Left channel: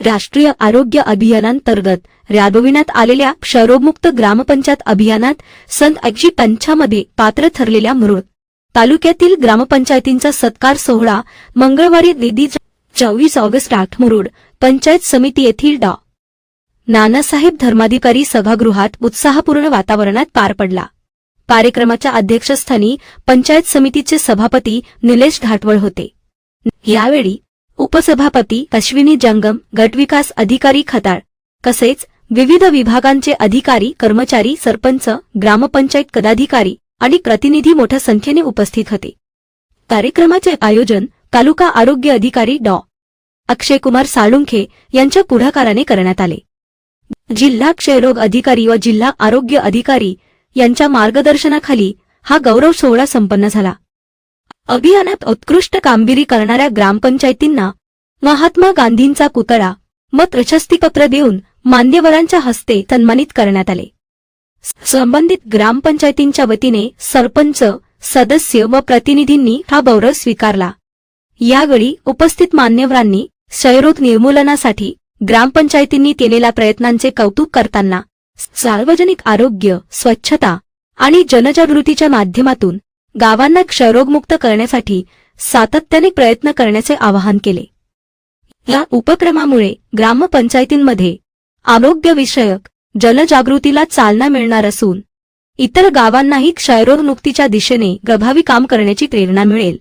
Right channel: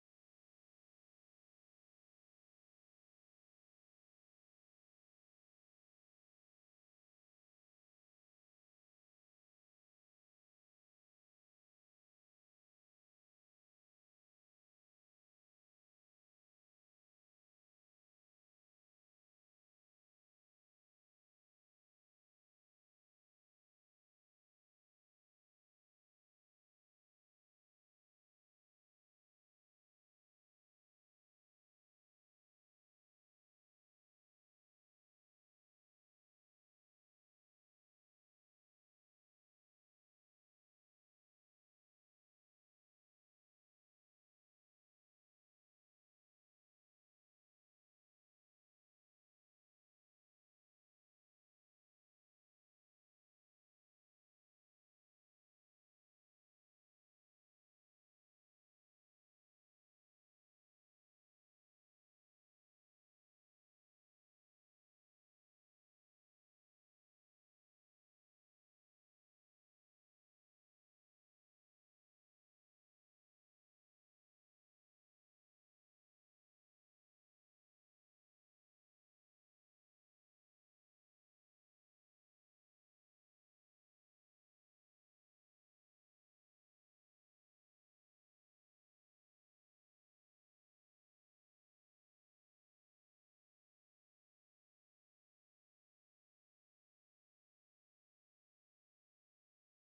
राष्ट्रीय आरोग्य अभियानांतर्गत राबविण्यात आलेल्या क्षयरोगमुक्त ग्रामपंचायत अभियानात सन 1985 मध्ये पात्र ठरलेल्या मुरुड तालुक्यातील ग्रामपंचायतींचा सत्कार सोहळा मंगळवारी दिनांक 24 ऑगस्ट मुरुड पंचायत समिती येथील डॉ. नानासाहेब धर्माधिकारी सभागृहात उत्साहपूर्ण वातावरणात पार पडला। कार्यक्रमाच्या अध्यक्षस्थानी पंचायत समितीचे सभापती निलेश घाटवळ होते। यावेळी उपसभापती अश्विनी जंगम, गटविकास अधिकारी खताळ तसेच विविध विभागांचे अधिकारी, कर्मचारी, सरपंच, ग्रामपंचायत पदाधिकारी आणि प्रतिनिधी मोठ्या संख्येने उपस्थित होते। कार्यक्रमाचे आयोजन तालुका आरोग्य अधिकारी डॉ. अक्षयकुमार साळुंखे यांच्या पुढाकाराने करण्यात आले। जिल्हा क्षयरोग अधिकारी व जिल्हा आरोग्य अधिकारी यांच्या मार्गदर्शनाखाली हा गौरव सोहळा संपन्न झाला। अभियानात उत्कृष्ट कामगिरी करणाऱ्या ग्रामपंचायतींना महात्मा गांधींचा पुतळा व प्रशस्तीपत्र देऊन मान्यवरांच्या हस्ते सन्मानित करण्यात आले। संबंधित ग्रामपंचायतींच्या वतीने सरपंच, सदस्य व प्रतिनिधींनी हा गौरव स्वीकारला। यावेळी उपस्थित मान्यवरांनी क्षयरोग निर्मूलनासाठी ग्रामपंचायतींनी केलेल्या प्रयत्नांचे कौतुक करताना सार्वजनिक आरोग्य, स्वच्छता आणि जनजागृतीच्या माध्यमातून गावांना क्षयरोगमुक्त करण्यासाठी सातत्याने प्रयत्न करण्याचे आवाहन केले। या उपक्रमामुळे ग्रामपंचायतींमध्ये आरोग्यविषयक जनजागृतीला चालना मिळणार असून इतर गावांनाही क्षयरोगमुक्तीच्या दिशेने प्रभावी काम करण्याची प्रेरणा मिळेल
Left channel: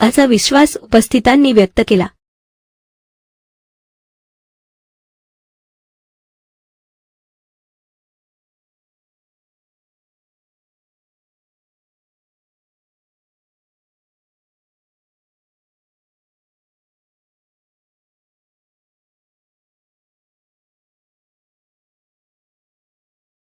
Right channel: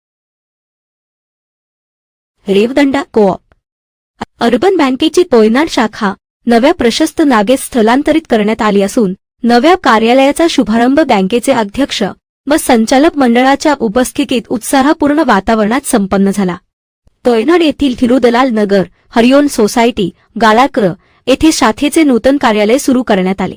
असा विश्वास उपस्थितांनी व्यक्त केला। रेवदंडा कोऑप अर्बन बँकेची पोयनाड शाखा नव्या प्रशस्त जागेत स्थलांतरित करण्यात आली असून नव्या कार्यालयाचा शुभारंभ बँकेचे अध्यक्ष व संचालक मंडळाच्या उपस्थितीत उत्साहपूर्ण वातावरणात संपन्न झाला। पोयनाड येथील थिरुदलाल नगर, हरिओन सोसायटी, गाळाकर येथे शाखेचे नूतन कार्यालय सुरू करण्यात आले।